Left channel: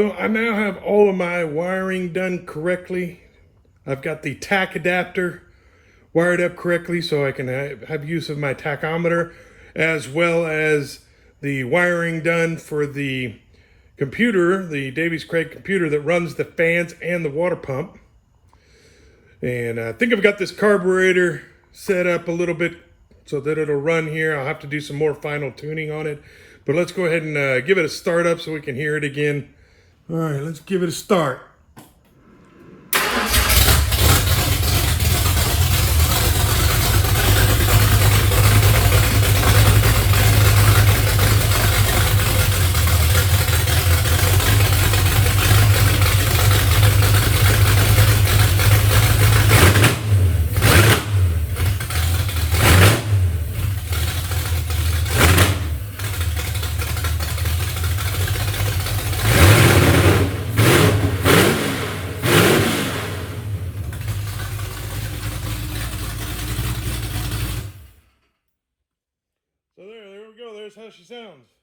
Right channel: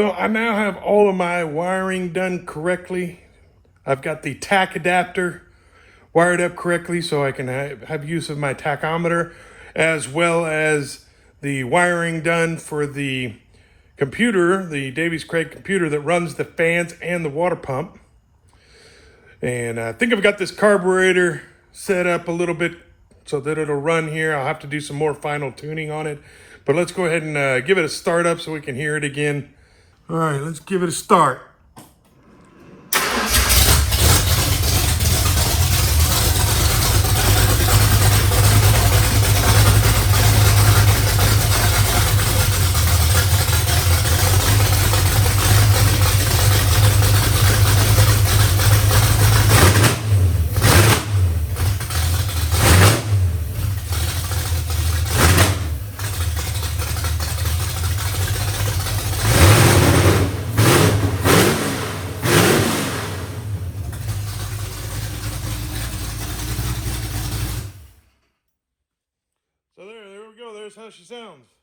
So I now have all of my wiring done correctly. I've got the tach adapter wired up correctly so I can have use of my tachometer, as well as the wiring done for the computer, the Davies Craig computer that runs the fans and the water pump. And I think I've got this carburetor set up a little bit so that it'll run here. I'll have to do some more final tuning on it. But let's go ahead and give it a start up so we can hear it again. All right, let's give it a start. So there we go. There's how she sounds.